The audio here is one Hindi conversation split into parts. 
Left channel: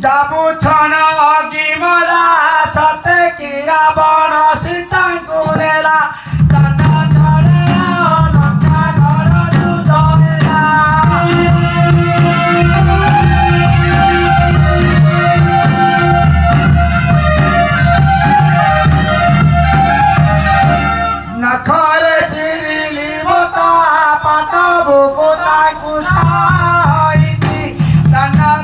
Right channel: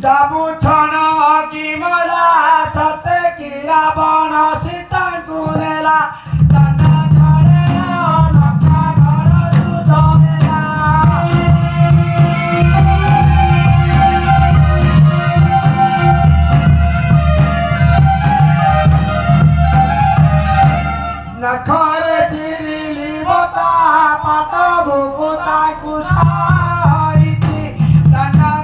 Dabu thana gimala sate kira bana sitang kunela tanda thara makka gora dudhela nakhare tirili bota patabu kotai kusaiti tanda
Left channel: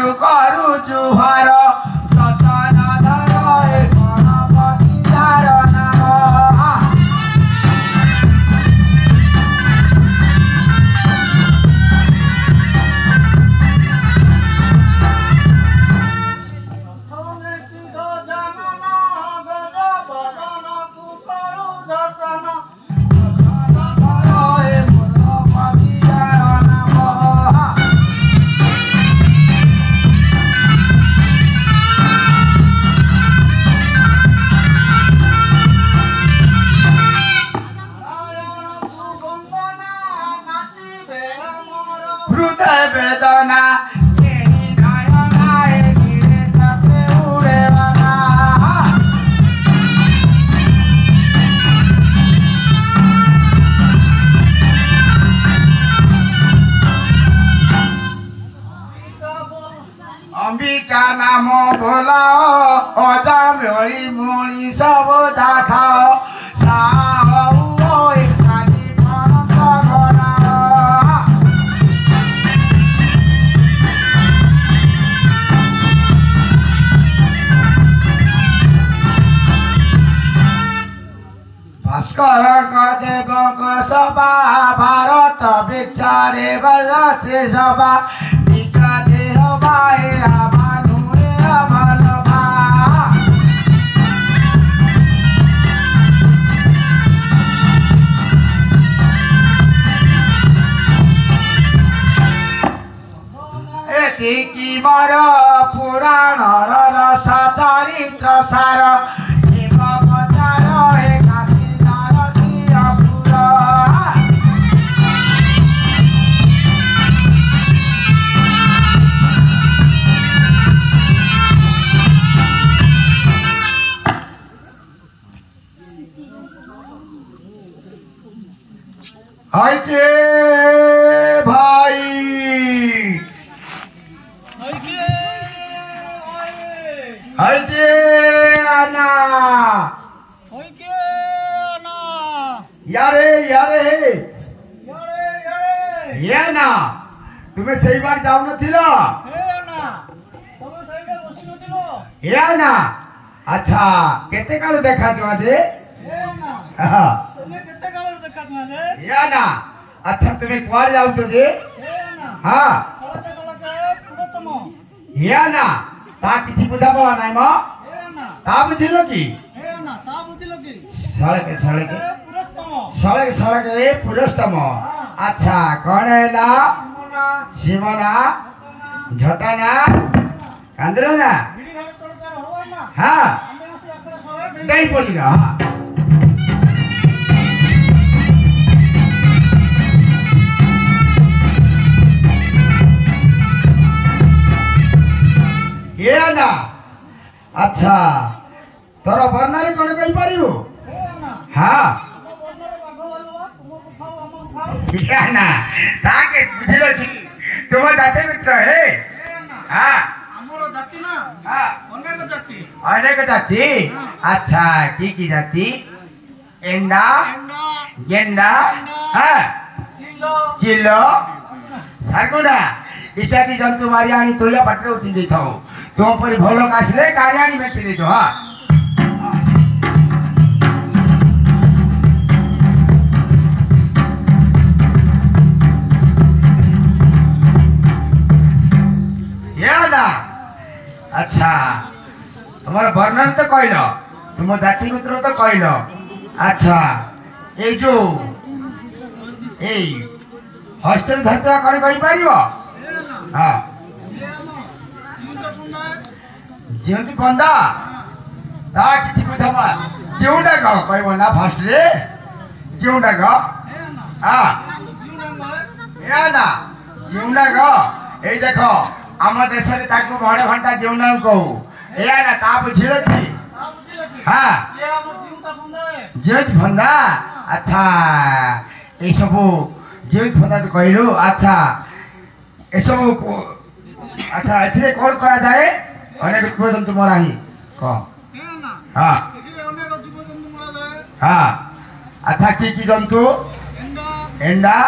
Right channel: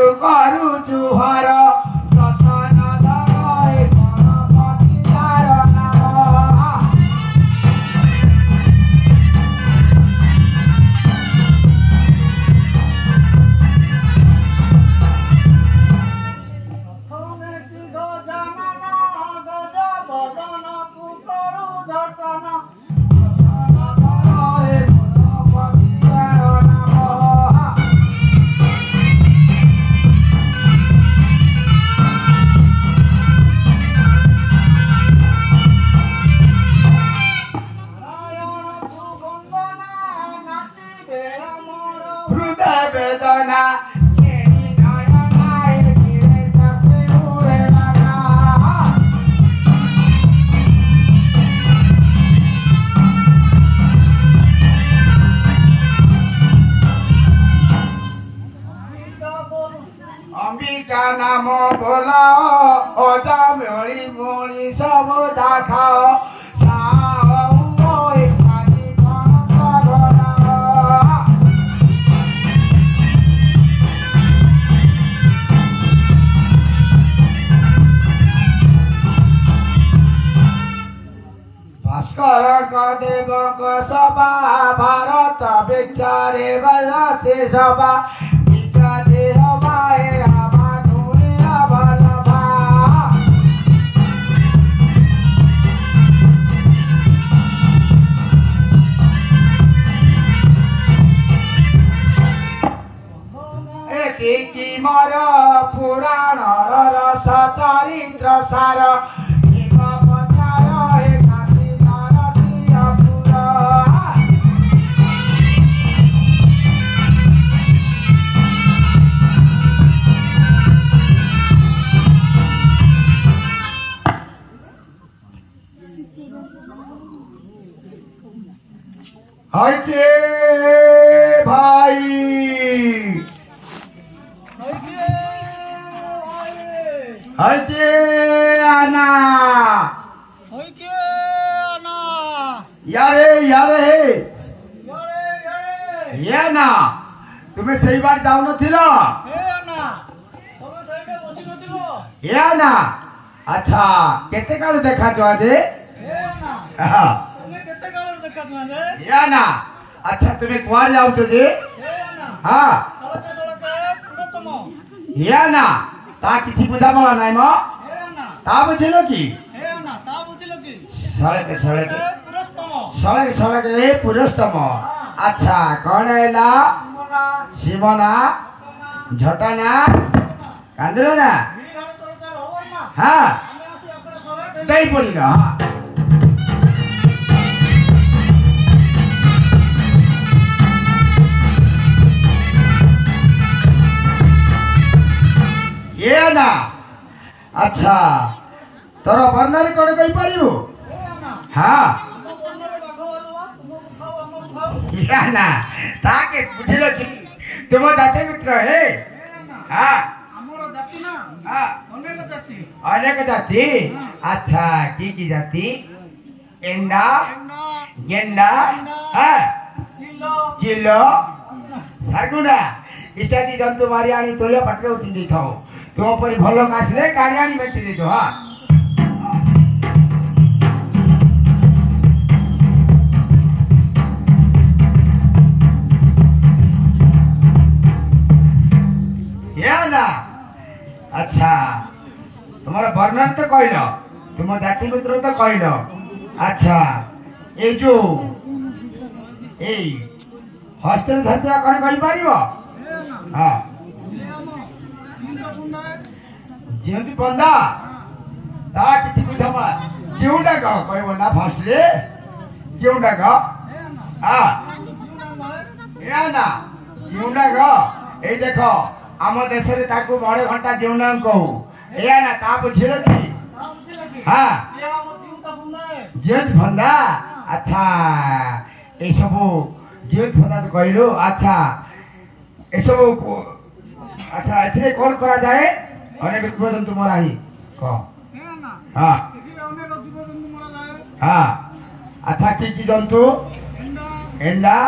କରୁ କରୁ ଜୁହାର ଦଶନ ଧର ଏ ଗଣପତି ତାର ନାମ বেদনা অম্বিকা নাম বল অজা মেলি মণি সব দেখাও দেবক সভা ভারত বিচারে বলতে সভা বিকাদে হবায় রামানুরে অবনভা এতিকি মর পুরাণর রস চরিত্র সার হইকে ভাই হইকে আনা ইয়ারে ইয়ারে ইয়ে না তুমি সেইবার যাও নথিল ইয়া না আচ্ছা কেতে কাল দেখাছ আজে ইয়া না আচ্ছা তুমি কুয়াড়ে যাও তো যে হ্যাঁ ইয়া না তা কিছু বুঝাবলা নাই ম তা বুঝিল কি সড়কে সড়কে সড়কে সড়কে পুরুষতম আচ্ছা কଣ ହେଲା ଶିବନା ଝଟାନା କାନ୍ଦିଲ ନା ହଁ ଦେଇ ପଡ଼ିଲ ଇଏ ନା ଆଚ୍ଛା ତୋର ବର୍ଣ୍ଣରେ କଣ କହିପାରିବୁ ହଁ ইয়া না তাকে বুঝিল কি তোমার জাতি মিত্র হে হ্যাঁ আমার জাতি না হ্যাঁ অনেক জাতি আচ্ছা কি কি জাতি এন্ডা গেন্ডা হ্যাঁ চিলো সাগুড়া ইত্যাদি জন্তু মারি আনি তোলিয়া পাটরে উঠি ଦେଇଥାଉ ତୋ ଉପରେ ଭଲ ଆସିଲେ କାଢି ଆଣି ବେଚି ଦେଇଛ ହଁ अच्छा तुम्हारा वर्णन तो कहल तुम जाति मित्र तो कहल अच्छा ये जो हस्टेल धरता कौन कही पार हाँ जेमती बंदा ता किसी बुझावा जोटा कह कहब ना फर्स्ट रे जोटा कह हाँ या ना जोटा कह ये देख आम देश बड़ घंटा जीवन कहू या ना ता बुझिल कि हाँ जेत फंदा अच्छा ये सब जेत फंदा तो कहलु अच्छा ये सब अच्छा ए कौन करा जाए अनेक जीव जंतु मरा ही कह हाँ हाँ अच्छा कि जंतु एंडा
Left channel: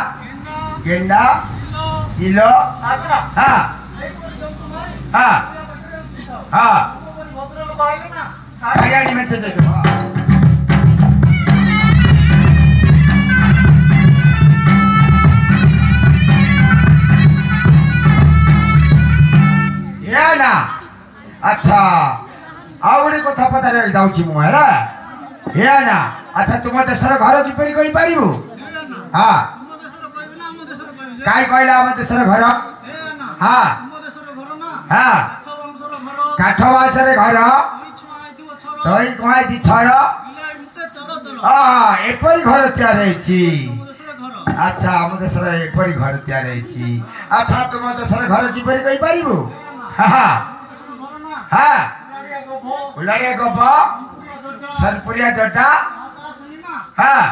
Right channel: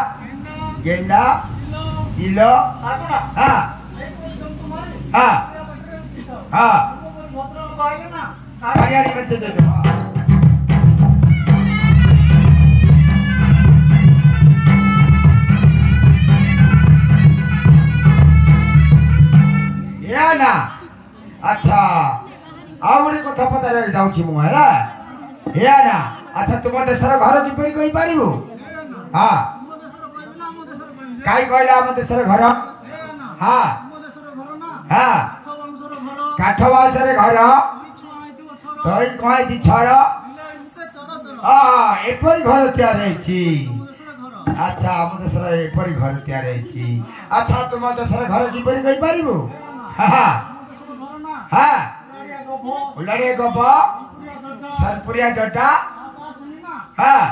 गेंडा चिलो हाँ हाँ हाँ हरियाणी में चले जाओ या ना अच्छा आउरी कथा पता जाऊँ मु है या ना अच्छा तुम देशर घर किपरि कहि पारिबु हाँ काई कहला हम देशर घर हाँ हाँ काठ बासरे घर तई कमाई दी छर हाँ एपरी घर तैयार होइछि अच्छा हम देशर एपरी घर तैयार होइछि अच्छा तुम देशर घर किपरि कहि पारिबु हाँ हाँ उलाड़े गोब सरपुरिया जटा हाँ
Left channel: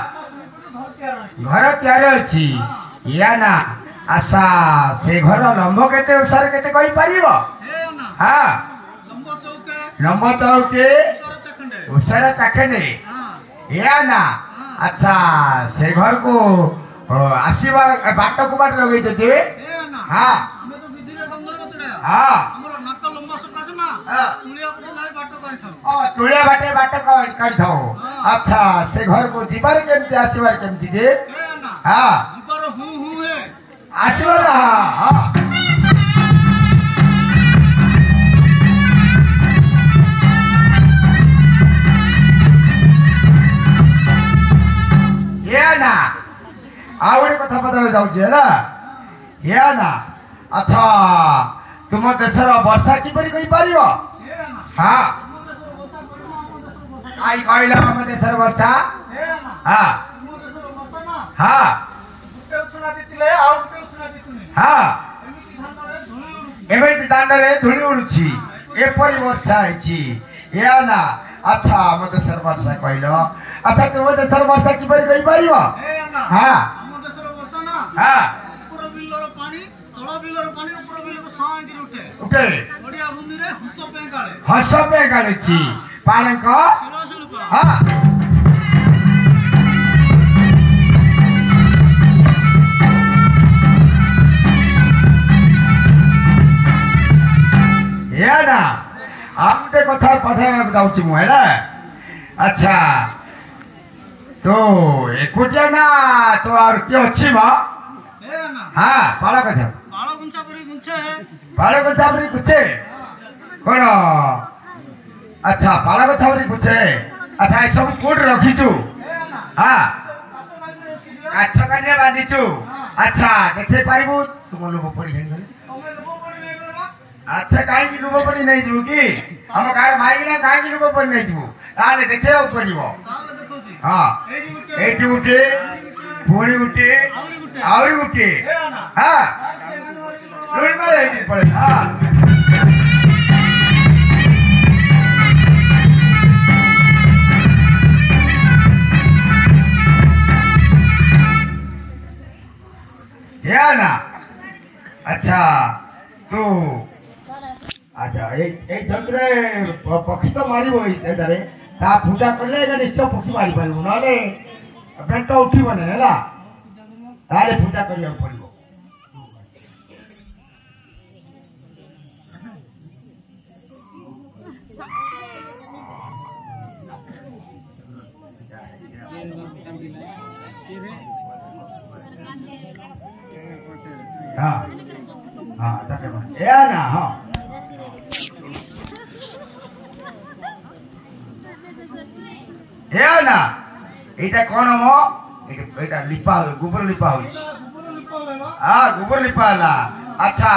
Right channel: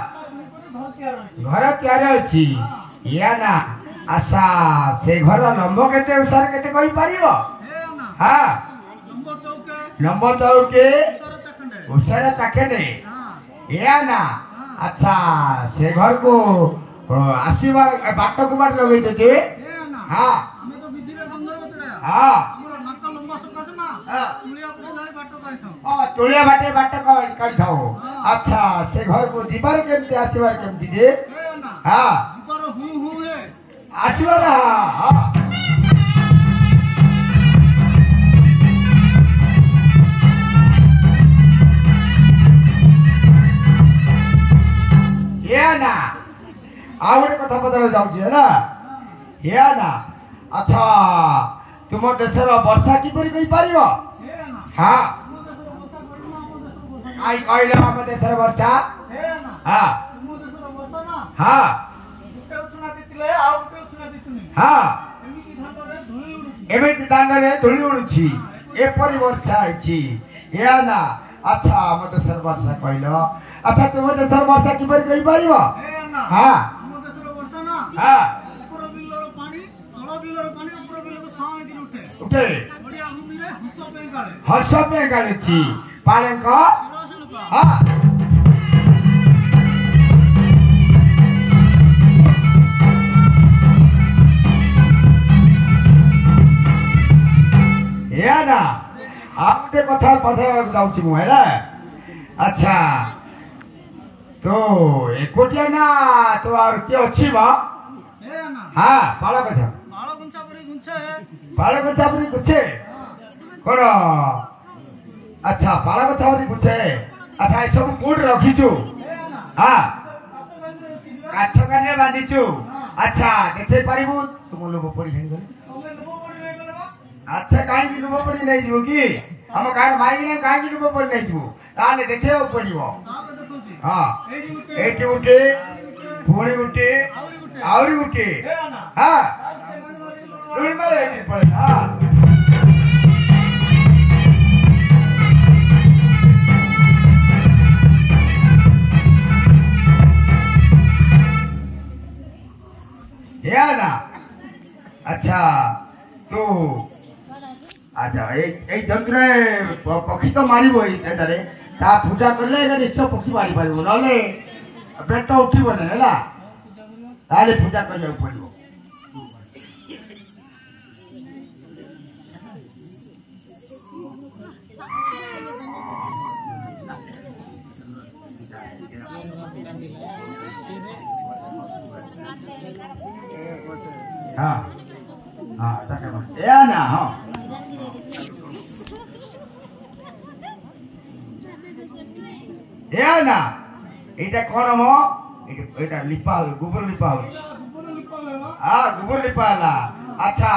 घर तैयार होइछि या ना आशा से घर लंब केते उसार केते कहि पारिबो हाँ लंब चौके उसार चाखेने या ना अच्छा से घर को आसीबा बाट को बाट लगे जे हाँ हाँ तुलिया बाटे बाट काट थाओ अच्छा से घर को दीवार केमते आसीबार केमती जे हाँ दीवार हूं है आसीबार हाँ ये ना आवड़े कथा पता जाऊ जे ना ये ना अच्छा तुम देशर वर्षा किपरि कहि पारिबो हाँ आई कहला हम देशर वर्षा हाँ हाँ हाँ एबे दांडरे धुली उडुछि एपरि वर्षा आइछि या ना अच्छा हम देशर वर्षा कहलो अच्छा तुम देशर वर्षा किपरि कहि पारिबो हाँ हाँ ऊपर बिलर पानी तळा बिलर पानी ऊपर बिलर सां गिर उठे बढ़िया भूमि रे हस पे गालुछि पालंक हाँ या ना आपते कथा पथा जाउछि मु हैला अच्छा तो एकोटिया ना तो और के अछि म हाँ पाला कथा पाला गुंसा परी गुंछे है पाला कथा परी गुंछे कोन अच्छा पाला कथा परी गुंछे अच्छा ए सब कोड रखी छु हाँ काछ काने बांधी छु अच्छा देखे पारिबु तुम लोग पड़ी हेन अच्छा काई की लोग पड़ी नहीं छु की हम कार माई ना काई की लोग पड़ी नहीं छु ताले देखे पड़िबो हाँ एटी उठे पुणी उठे आउरी उठे हाँ रोड पर एटी पड़े हाँ या ना अच्छा तो अच्छा এই যন্ত্রে পক্ষী তো মারিব এই এটারে তা পূজা করলে এটা নিশ্চয় পক্ষী মারি পারিব নহলে পেটটা উঠিব না হেলা তাহলে পূজা করিয়া পড়িব हाँ हाँ তাকে এ না हाँ या ना एटा कोन मो एटा लिपा गोबर लिपा होइछ हां गोबर लिपाला अच्छा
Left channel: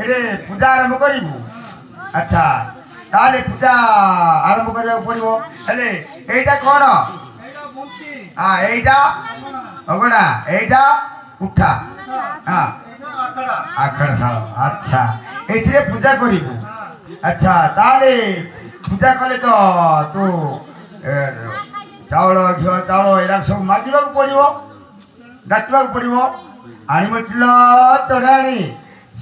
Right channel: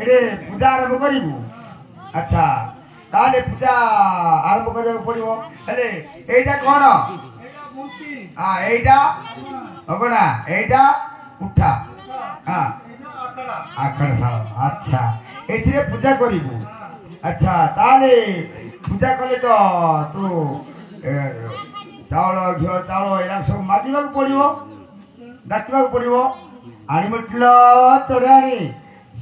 एरे पूजा आरंभ करिबु अच्छा ताले पूजा आरंभ करे पड़िबो हेले एटा कोन एटा मुक्ति हां एटा ओगना एटा उठा हां एटा आखड़ा आखड़ा सा अच्छा एथिरे पूजा करिबु अच्छा ताले पूजा कले तो चावल घिओ चावल एरा सब मागिबा पड़िबो डाकिबा पड़िबो आनी मटल चढ़ाणी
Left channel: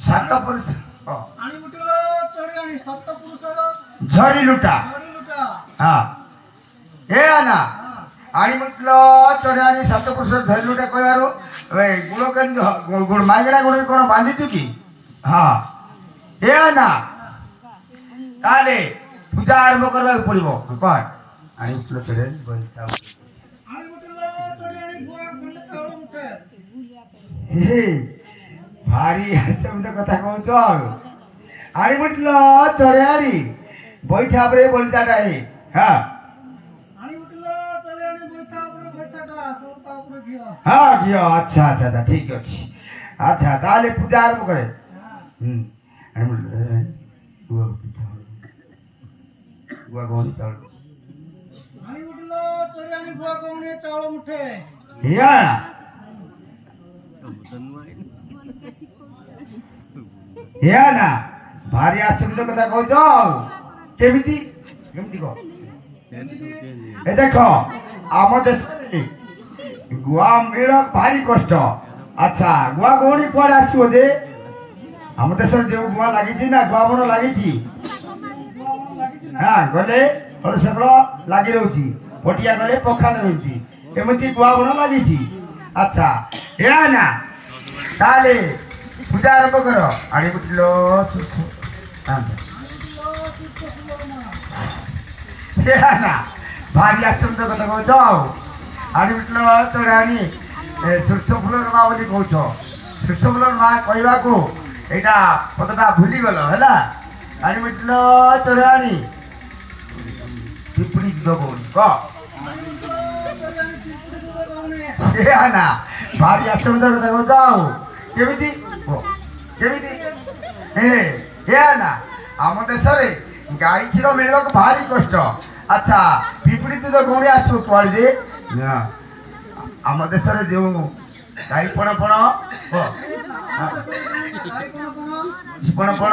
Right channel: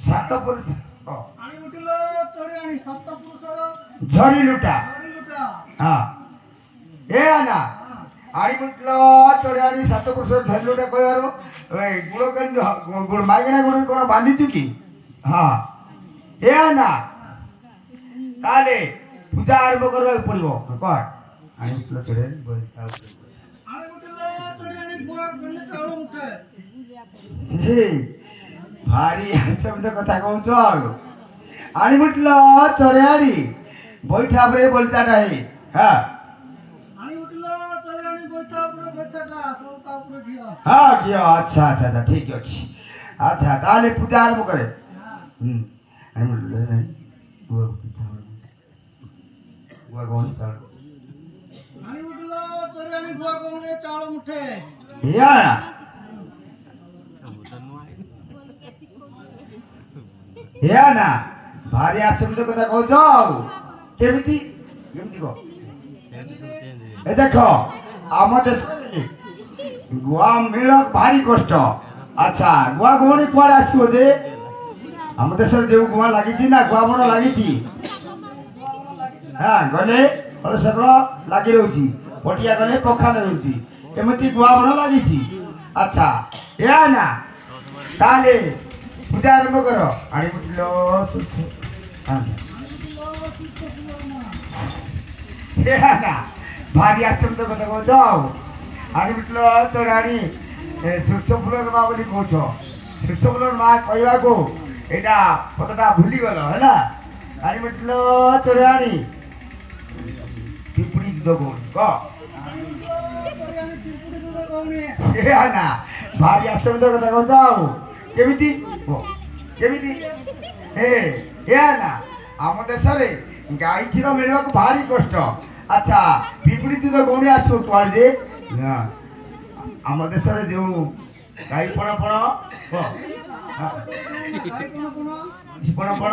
सात पुरुष आनी मटल चढ़ाणी सात पुरुष झरी लुटा हां ए आना आनी मटल चढ़ाणी सात पुरुष झरी लुटा कहबारो ए गुड़ केन गुड़ मागणा गुड़ कोन बांधी तु की हां ए आना ताले पूजा आरंभ करबा पड़िबो कोन आनी उठलो तोरे बनता आनी उठलो तोरे आनी गुआ गले चावल उठे हे भारी शब्द कथा कहतो आनी उठलो तोरे आनी बैठा बरे बोलता रहे हां आनी उठलो तोरे आनी बैठा ऊपर बैठाटा सोता ऊपर गियो हां गियो अच्छा अच्छा ठीक अछि अच्छा ताले पूजा आरंभ करे आनी उठलो गुआ गौनी चावल आनी उठलो तोरे आनी गुआ गौनी चावल उठे या ना भारी आचरित कथा कहतो केमिति केमिति को ए देखो आम देश गुआ मिल भारी कष्ट अच्छा गुआ गौनी पर आसीबो दे आम देश जे गुआ लागिछि ना गुआ बड़ लागिछि हां गले और सकलो लागि रहउछि पटिया गले पोखा रहउछि एमिति गुआ बड़ लागिछि अच्छा या ना ताले पूजा आरंभ करो आड़ी बुटलो हां या ना भारी आचंद कथा कहतो आड़ी बुटलो तो रानी सुरसो फुलर मा बोली कहतो सुरसो फुलर मा कहवा को एटा पतटा भूली गलो हैला आड़ी बुटलो तो रानी टिपड़ी दो गौनी को या ना भारी आचंद कथा कहतो केमिति केमिति हे या ना आम देश रे गाई क्षीर मिलवा को भारी कष्ट अच्छा पिपड़ी तो गौणी आसो तोड़ दे आम देश रे जो गाई पण पण पण पण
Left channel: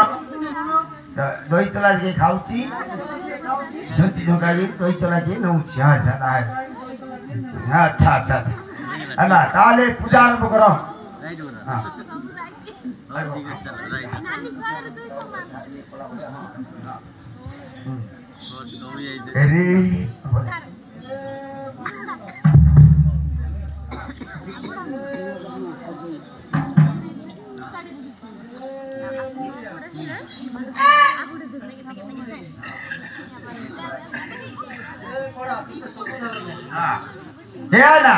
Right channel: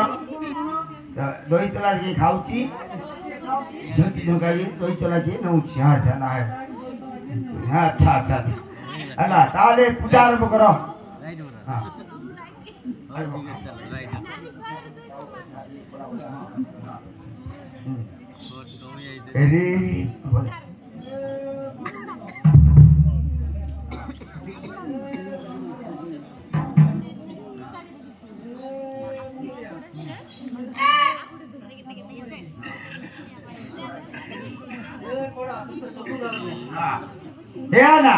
दही तला के खाउची झंटी झंका के दही तला के नउची हां अच्छा अच्छा अच्छा अला ताले पूजा आरंभ करो हां अरे ना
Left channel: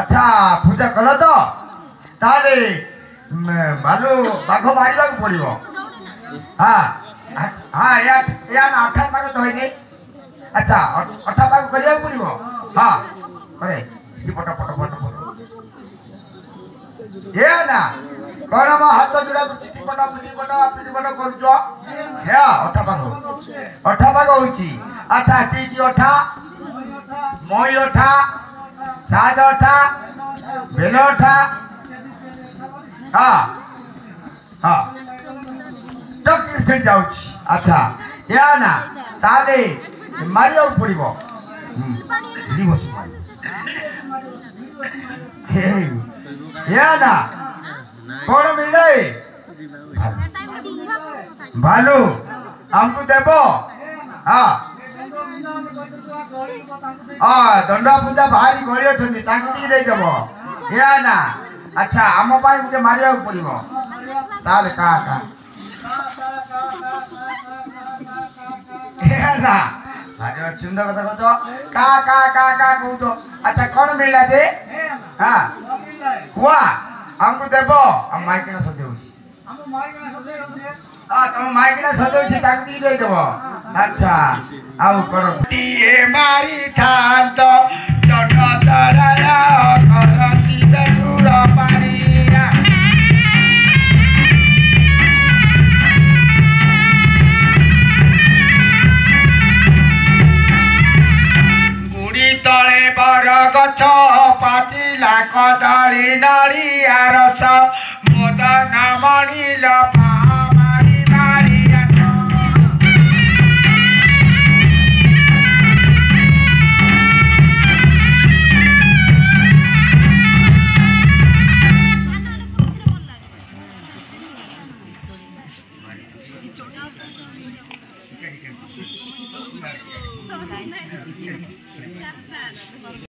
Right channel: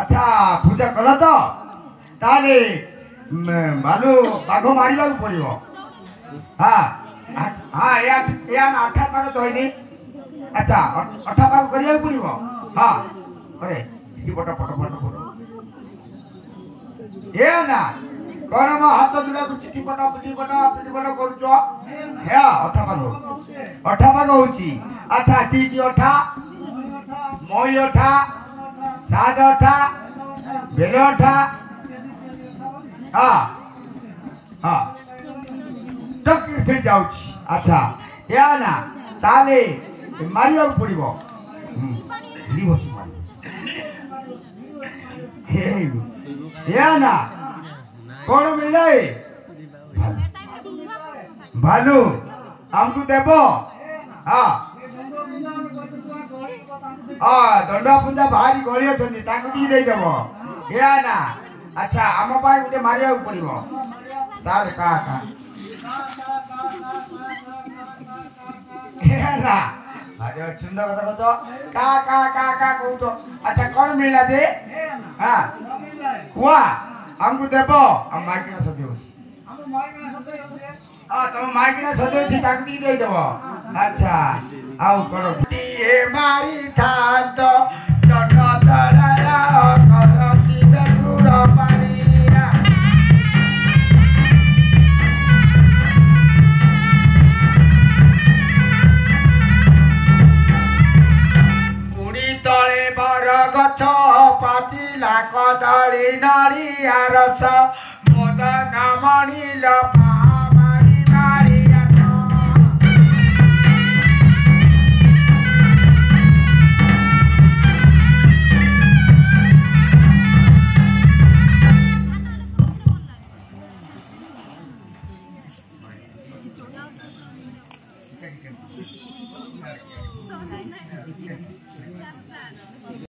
अच्छा पूजा कल तो ताले भालू बाघ मारिबा पड़िबो हां हां या ना अठा पाक तो होइनी अच्छा अठा पाक करिया पड़िबो हां अरे पट पट पट पट ये ना कोन म हाथ जोड़ा चिटी पट करजो हे अठा पाक होची अच्छा टी अठा मई अठा साज अठा बेल अठा हाँ हाँ तक से जाउची अच्छा या ना ताले मारियो पड़िबो दिवस हे या ना कोन मिले भालू हमको देबो हाँ दंडा पूजा भारी गली अछंती ताकू दी दे देबो या ना अच्छा आम पाए गुटे मारिया पड़िबो ताले का या ना अरे सुंदर कथा कहतो का कहतो अच्छा कोन मिलला दे हां हुआ हमको देबो हम माइक ना सदेउ हम माइक ना सदेउ तुम माइक ना सदेउ छी ताकू दी दे देबो अच्छा आउ करो टीए मारी थांत दंड तराया करती दसुर पारिया बुढ़ी तले बर गछ पातिला कदली नड़िया रस मदन मणिल